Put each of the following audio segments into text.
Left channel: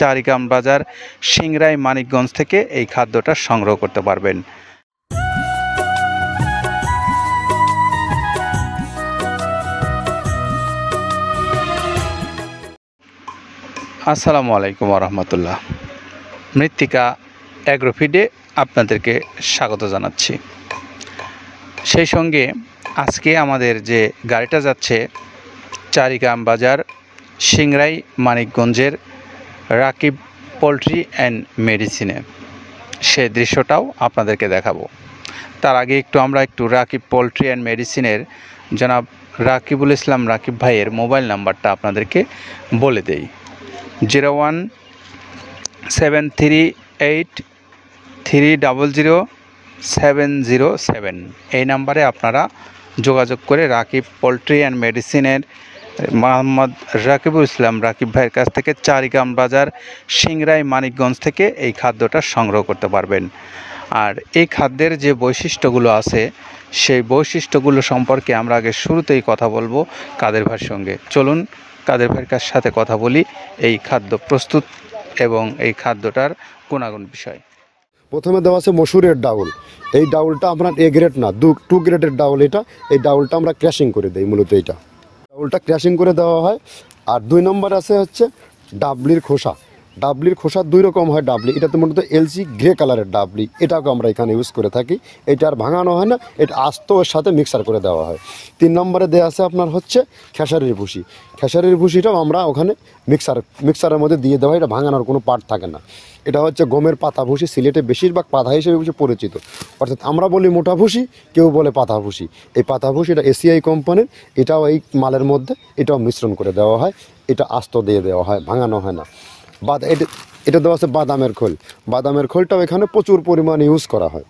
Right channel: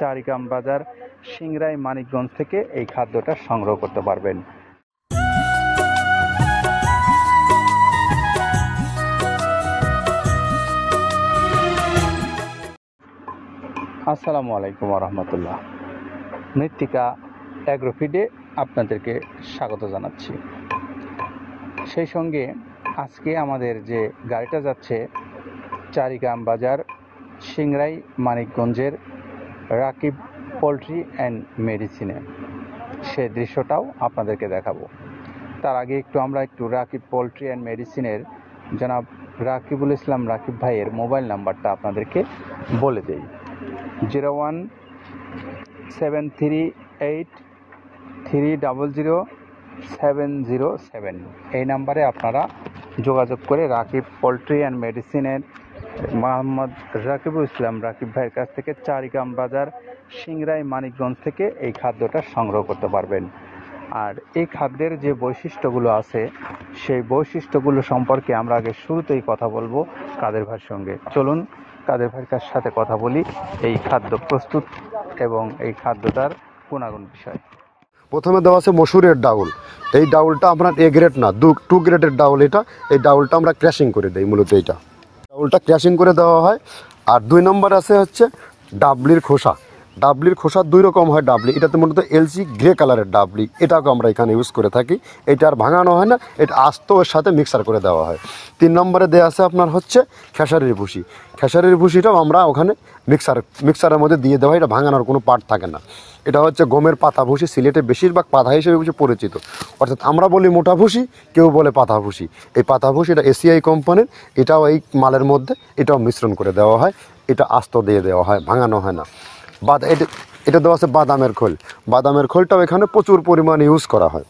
চারিগ্রাম বাজার সিংড়াই মানিকগঞ্জ থেকে এই খাদ্যটা সংগ্রহ করতে পারবেন। আসসালামু আলাইকুম রহমতুল্লাহ। মৃত্তিকা অ্যাগ্রোফিডে আপনাদেরকে স্বাগত জানাচ্ছি। সেই সঙ্গে আজকে আমাদের যে গাড়িটা যাচ্ছে চারিগ্রাম বাজার সিংড়াই মানিকগঞ্জের রাকিব পোলট্রি অ্যান্ড মেডিসিনে, সে দৃশ্যটাও আপনাদেরকে দেখাবো। তার আগে আমরা একটু রাকিব পোলট্রি অ্যান্ড মেডিসিনের জনাব রাকিবুল ইসলাম রাকিব ভাইয়ের মোবাইল নাম্বারটা আপনাদেরকে বলে দেই। 01738300707 এই নাম্বারে আপনারা যোগাযোগ করে রাকিব পোলট্রি অ্যান্ড মেডিসিনের মোহাম্মদ রাকিবুল ইসলাম রাকিব ভাইয়ের কাছ থেকে চারিগ্রাম বাজার সিংড়াই মানিকগঞ্জ থেকে এই খাদ্যটা সংগ্রহ করতে পারবেন। আর এই খাদ্যের যে বৈশিষ্ট্যগুলো আছে সেই বৈশিষ্ট্যগুলো সম্পর্কে আমরা আগে শুরুতেই কথা বলবো কাদের ভাইয়ের সঙ্গে। চলুন কাদের ভাইয়ের কাছ সাথে কথা বলি এই খাদ্য প্রস্তুত এবং এই খাদ্যটার গুণাগুণ বিষয়। প্রথমে দেওয়া আছে মসুরের ডাউল। এই ডাউলটা আপনার এ গ্রেড না, 2 গ্রেডের ডাউল এটা। এই ডাউলটা আমরা ক্র্যাশিং করে দিই, মূলত এইটা ডাউলটা ক্র্যাশিং করে দেওয়া হয়। আর 2 নম্বর আছে হচ্ছে ডাবলির খোসা। ডাবলির খোসা 2 রকম হয় ডাবলি, এটাতে মূলত এলসি গ্রে কালারের ডাবলি, এটাকে আমরা এখানে ইউজ করে থাকি। এটা আর ভাঙানো হয় না, এটা আস্ত ওর সাথে মিক্সার করে দেওয়া হয়। 3 নম্বরে দেওয়া আছে আপনার হচ্ছে খেসারির ভুসি। খেসারির ভুসিটাও আমরা ওখানে মিক্সারের মধ্যে দিয়ে দেওয়া হয়, এটা ভাঙানোর কোনো পার্ট থাকে না। এটা হচ্ছে গমের পাতা ভুসি, সিলেটে বেশিরভাগ পাতা হিসেবে পরিচিত। অর্থাৎ আমরা বলি মোটা ভুসি, কেউ বলে পাতা ভুসি। এই পাতা ভুসি এটা এসিআই কোম্পানির, এটাও এই মালের মধ্যে এটাও মিশ্রণ করে দেওয়া হয়, এটা আস্ত দিয়ে দেওয়া হয়, ভাঙানো হয় না। এটা দেওয়া আছে বাদামের খোল। বাদামের খোলটাও এখানে প্রচুর পরিমাণে ইউজ করা হয়।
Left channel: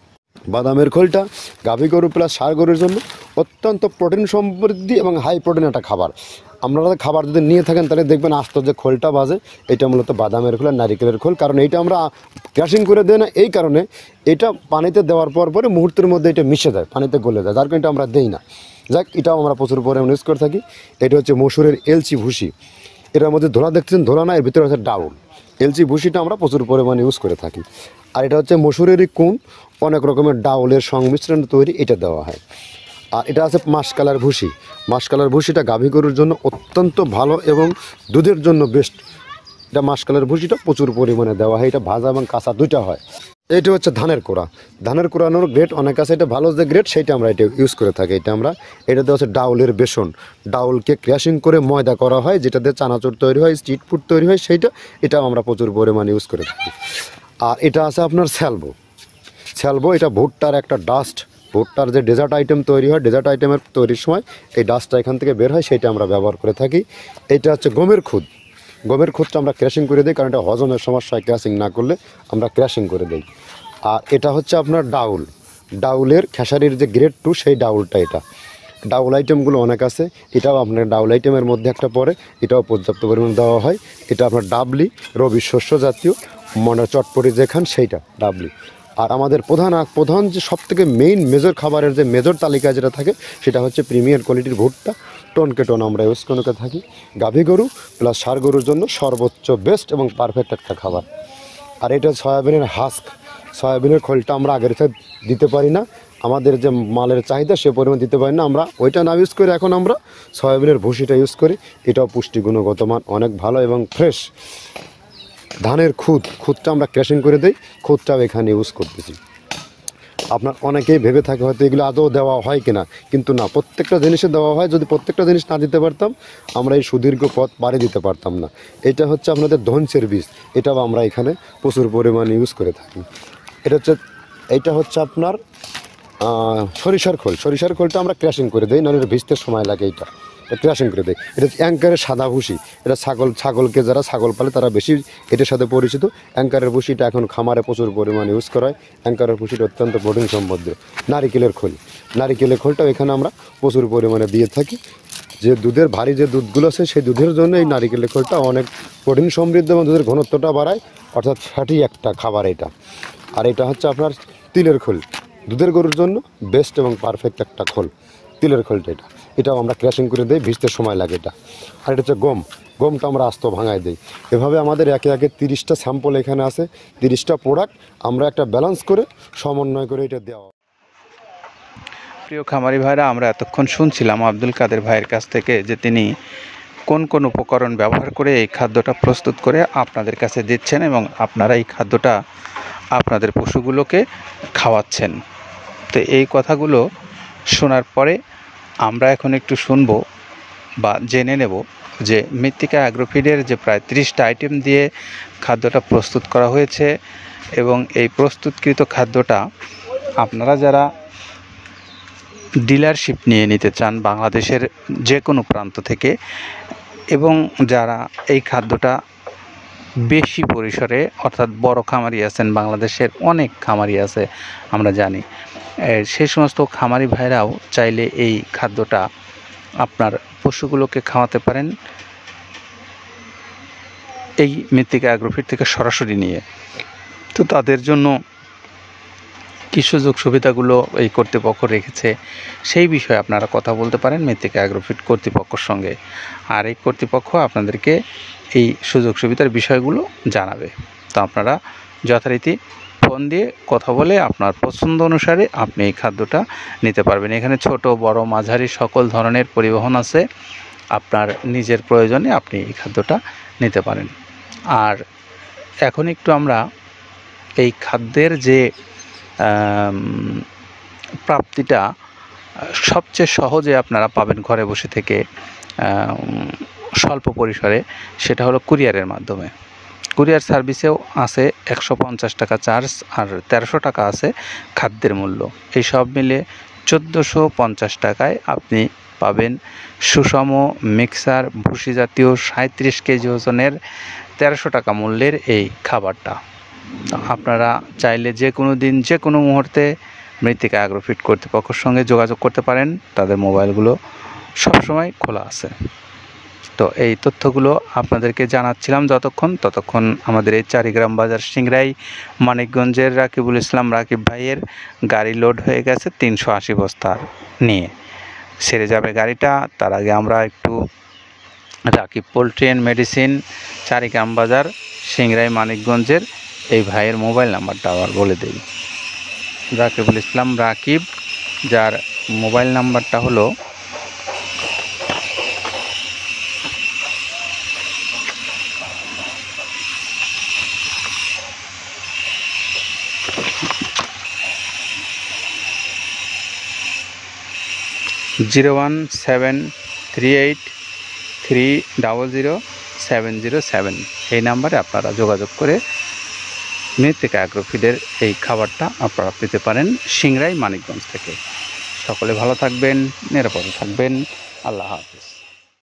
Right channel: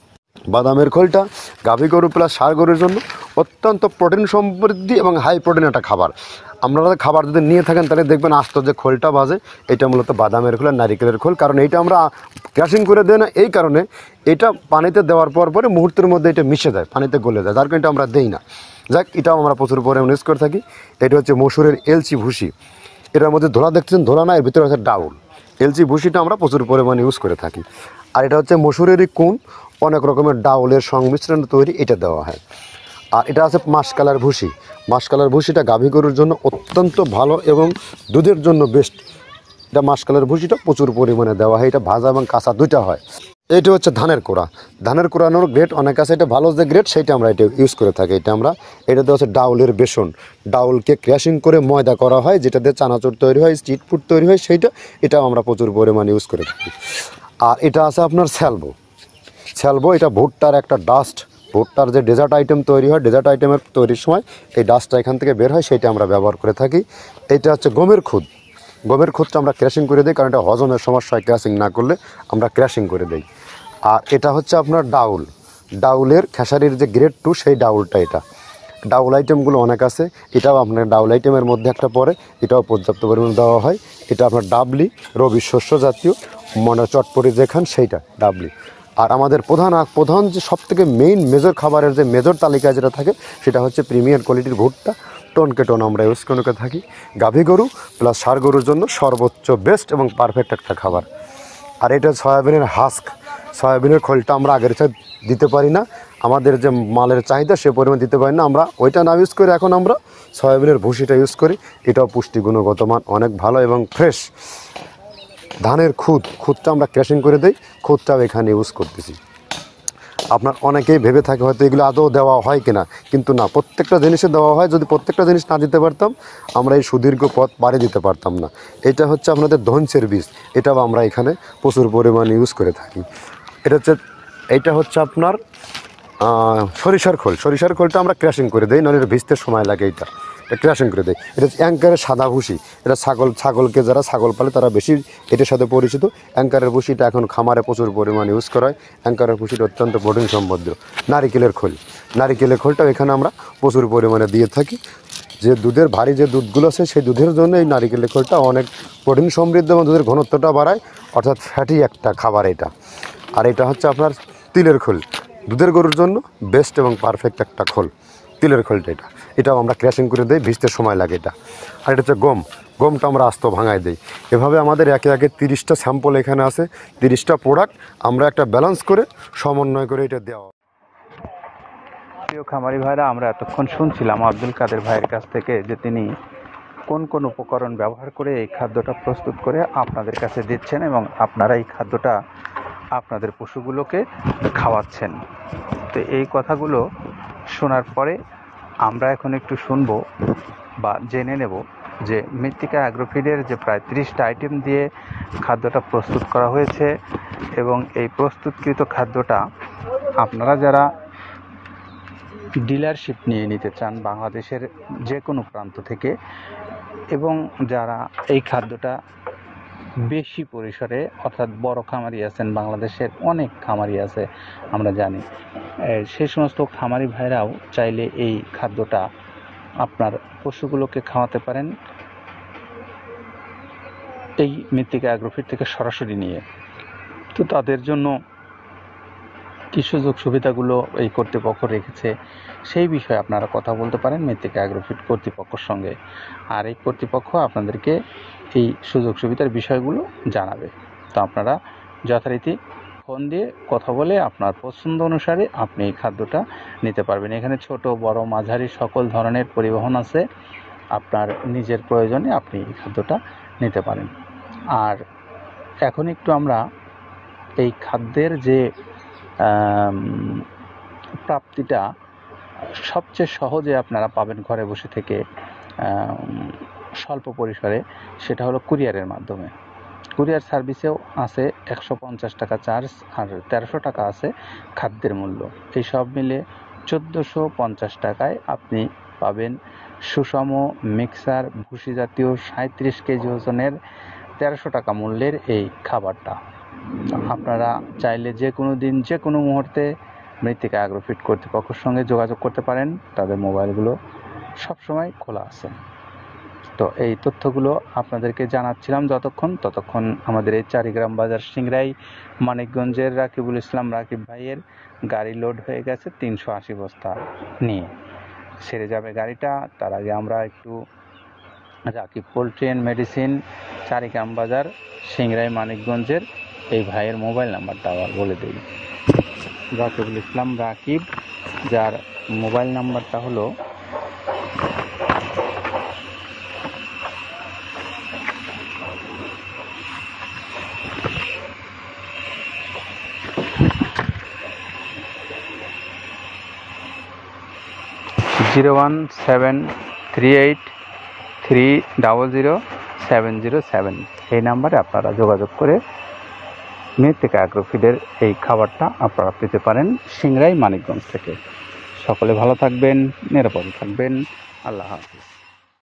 বাদামের খোলটা গাভী গরু প্লাস ষাঁড় গরুর জন্য অত্যন্ত প্রোটিন সমৃদ্ধি এবং হাই প্রোটিন একটা খাবার। আপনারা খাবার যদি নিয়ে থাকেন তাহলে দেখবেন আস্ত যে খোলটা বাজে, এটা মূলত বাদামের খোল আর নারিকেলের খোল। কারণ এইটা আমরা ক্র্যাশিং করে দেই না, এই কারণে এটা পানিতে দেওয়ার পরে মুহূর্তের মধ্যে এটা মিশে যায়, পানিতে গলে যায়, যার কারণে এটা আমরা দেই না। যাক, এটাও আমরা প্রচুর পরিমাণে ইউজ করে থাকি। এটা হচ্ছে মসুরের এলচি ভুসি। এটার মধ্যে ধোলা দেখছেন, ধোলা না, এর ভিতরে হচ্ছে ডাউল। এলচি ভুসিটা আমরা প্রচুর পরিমাণে ইউজ করে থাকি। আর এটা হচ্ছে মসুরেরই কুন, অনেক রকমের ডাউলের সংমিশ্রণ তৈরি, এটা দেওয়া হয়। আর এটা আছে মাসকালার ভুসি। মাসকালার ভুসিটা গাভী গরুর জন্য অত্যন্ত ভালো এবং দুধের জন্য বেস্ট। এটা মাসকালার ভুসিটা প্রচুর পরিমাণে দেওয়া হয়, এটা ভাজা এবং কাঁচা দুইটা হয়। এটা হচ্ছে ধানের কোড়া। ধানের কোড়ানোর গ্রেড অনেক আছে, এটা ভালো যে গ্রেড সেইটা আমরা এটা ইউজ করে থাকি। এটাতে হচ্ছে ডাউলের বেসন। ডাউলকে ক্র্যাশিং করে ময়দা করা হয়, যেটাতে চানাচুর তৈরি হয়, স্ট্রিট ফুড তৈরি হয়, এটাও আমরা প্রচুর পরিমাণে ইউজ করে থাকি। আর এটা আছে আপনার স্যালবো। এটা ভুট্টার একটা ডাস্ট। ভুট্টার যে ডেজার্ট আইটেম তৈরি হয়, ডেজার্ট আইটেমের তৈরির সময় এই ডাস্টটা এখান থেকে বের হয়, সেইটা আমরা ব্যবহার করে থাকি। এটা হচ্ছে গমের খুদ। গমের খুদটা আমরা ক্র্যাশিং করে দিই, কারণ এটা হজমের সমস্যায় ক্র্যাশিং না করলে আমরা ক্র্যাশিং করে দিই। আর এটা হচ্ছে আপনার ডাউলের খেসারির যে গ্রেড 2 সেই ডাউলটা। এটা ডাউল আইটেমগুলো অনেক আছে, এটাও আপনার ডাউল আইটেমের মধ্যে একটা পড়ে, এটাও পর্যাপ্ত পরিমাণ দেওয়া হয়। এটা আপনার ডাবলি, রবি শস্য জাতীয়, চটপটি যেখান সেইটা ডাবলি। আর আমাদের প্রধান যে সবথেকে মেজর খাবারের যে মেজর তালিকায় যেটা থাকে সেটা হচ্ছে প্রিমিয়ার কোয়ালিটির ভুট্টা, টনকে টন আমরা ইউজ করে থাকি। গাভী গরু প্লাস ষাঁড় গরুর জন্য সর্বোচ্চ বেস্ট এবং পারফেক্ট একটা খাবার। আর এটা সয়াবিনের হাস্ক। সয়াবিনের খোলটা আমরা আগের সাথে দিতে পারি না, আমাদের যে মালের চাহিদা সে পরিমাণ দিতে পারি না, আমরা ওইটা না ইউজ করে এখন আমরা সয়াবিনের ভুসিটা ইউজ করি। এটাও পুষ্টি গুণগত মান অনেক ভালো এবং ফ্রেশ। ধানের খুদটা আমরা ক্র্যাশিং করে দিই, খুদটাও এখানে ইউজ করতেছি। আপনার অনেকেই ভেবে থাকে হয়তো এগুলো আদৌ দেওয়া হয় কিনা, কিন্তু না, প্রত্যেকটা জিনিসে দেওয়া হয়। যদি প্রত্যেকটা জিনিস না দিতে পারতাম আমরা এই সুদীর্ঘ পথ পাড়ি দিতে পারতাম না। এটা হচ্ছে আপনাদের ধনসের বীজ, এটাও আমরা এখানে প্রচুর পরিমাণে ইউজ করে থাকি। এটা হচ্ছে আপনার সরিষার খোল। সরিষার খোলটা আমরা ক্র্যাশিং করে দিই, নাহলে এটা ভিজতে সময় লাগে। এটা ক্র্যাশিং করে দেয়। এটা অ্যাঙ্কারের সাদা ভুসি। এটা ছাগলকে যারা ছাগল পালে তারা বেশি এটার সাথে পরিচিত। অ্যাঙ্কারের ভুসিটা এখন খামারে প্রচুর পরিমাণে ইউজ করা হয়। অ্যাঙ্কারের ভুসিটা অত্যন্ত প্রোটিন সমৃদ্ধ। নারিকেলের খোলটাও এখানে আমরা প্রচুর পরিমাণে দিয়ে থাকি। যে দুধের ভারী যে দুধগুলো আছে সেই দুধের জন্য এই নারিকেলের খোলটা অনেক প্রোটিন সমৃদ্ধ এবং দুধের ঘনত্বটা বাড়ায়, অর্থাৎ ফ্যাটি একটা খাবার এটা। আর এটা হচ্ছে আপনার তিলের খোল। দুধের গরুর জন্য বেস্ট এবং পারফেক্ট একটা খোল, তিলের খোলটা। এটাও আমরা ক্র্যাশিং করে দিই, ভিজতে সময় লাগে এটা। আর এটা হচ্ছে গমটা আমরা আস্ত ভাঙায় দিই। এভাবে আমাদের একে একে 30টা স্যাম্পল এখানে আছে, 30টা প্রোডাক্ট আমরা একটা ব্যালেন্স করে সমন্বয় করে এটা দেওয়া। প্রিয় খামারি ভাইরা, আমরা এতক্ষণ শুনছিলাম আব্দুল কাদের ভাইয়ের কাছ থেকে যে তিনি কোন কোন উপকরণ ব্যবহার করে এই খাদ্যটা প্রস্তুত করে আপনাদের কাছে দিচ্ছেন এবং আপনারা এই খাদ্যটা আপনাদের পশুগুলোকে খাওয়াচ্ছেন। তো এই কথাগুলো শোনার পরে আমরা এখন একটু শুনবো বা জেনে নেব যে মৃত্তিকা অ্যাগ্রোফিডের যে প্রায় 30টা আইটেম দিয়ে খাদ্যটা প্রস্তুত করা হয়েছে এবং এই প্রস্তুতকৃত খাদ্যটা আপনারা যারা ডিলারশিপ নিয়ে নিতে চান বাংলাদেশের যে কোনো প্রান্ত থেকে, এবং যারা এই খাদ্যটা বেশি পরিসরে অর্থাৎ বড় খামারি আছেন, বাংলাদেশের অনেক খামারি আছে আমরা জানি, সেই সমস্ত খামারি ভাইরাও চাইলে এই খাদ্যটা আপনার পশুগুলোকে খাওয়াতে পারেন এই মৃত্তিকা অ্যাগ্রোফিড থেকে সরাসরি নিয়ে। তো তাদের জন্য কী সুযোগ সুবিধাগুলো এই কর্তৃপক্ষ রেখেছে সেই বিষয়ে আপনারা কথা বলতে পারেন মৃত্তিকা অ্যাগ্রোফিড কর্তৃপক্ষের সঙ্গে, আর এই কর্তৃপক্ষ আপনাদেরকে এই সুযোগ সুবিধার বিষয়গুলো জানাবে। তো আপনারা যথারীতি ফোন দিয়ে কথা বলে আপনার পছন্দ অনুসারে আপনি এই খাদ্যটা নিতে পারবেন। এখানে ছোট বড় মাঝারি সকল ধরনের পরিবহন আছে, আপনার নিজের প্রয়োজনে আপনি এই খাদ্যটা নিতে পারেন। আর এখন একটু আমরা এই খাদ্যের যে প্রাপ্তিটা সবচেয়ে সহজে আপনারা পাবেন ঘরে বসে থেকে স্বল্প পরিসরে, সেটা হলো কুরিয়ারের মাধ্যমে। কুরিয়ার সার্ভিসেও আছে 150 টাকা চার্জ আর 1300 টাকা আছে খাদ্যের মূল্য। এই সব মিলে 1450 টাকায় আপনি পাবেন সুষম মিক্সার ভুসি জাতীয় 37 কেজি ওজনের 1300 টাকা মূল্যের এই খাবারটা। আপনারা চাইলে যে কোনো দিন যে কোনো মুহূর্তে মৃত্তিকা অ্যাগ্রোফিড কর্তৃপক্ষের সঙ্গে যোগাযোগ করতে পারেন, তাদের মোবাইলগুলো সবসময় খোলা আছে। তো এই তথ্যগুলো আপনাদেরকে জানাচ্ছিলাম ততক্ষণ আমাদের এই চারিগ্রাম বাজার সিংড়াই মানিকগঞ্জের রাকিবুল ইসলাম রাকিব ভাইয়ের গাড়ি লোড হয়ে গেছে 380 বস্তা নিয়ে, সেরে যাবে গাড়িটা। তার আগে আমরা একটু Rakib poultry and medicine Charigram বাজার সিংড়াই মানিকগঞ্জের এই ভাইয়ের মোবাইল নাম্বারটা আবার বলে দিই। রাকিবুল ইসলাম রাকিব, যার মোবাইল নাম্বারটা হলো 01738300707। এই নাম্বারে আপনারা যোগাযোগ করে মৃত্তিকা অ্যাগ্রোফিডের এই খাবারটা আপনারা পেতে পারেন সিংড়াই মানিকগঞ্জ থেকে। সকলে ভালো থাকবেন, নিরাপদে থাকবেন। আল্লাহ হাফিজ।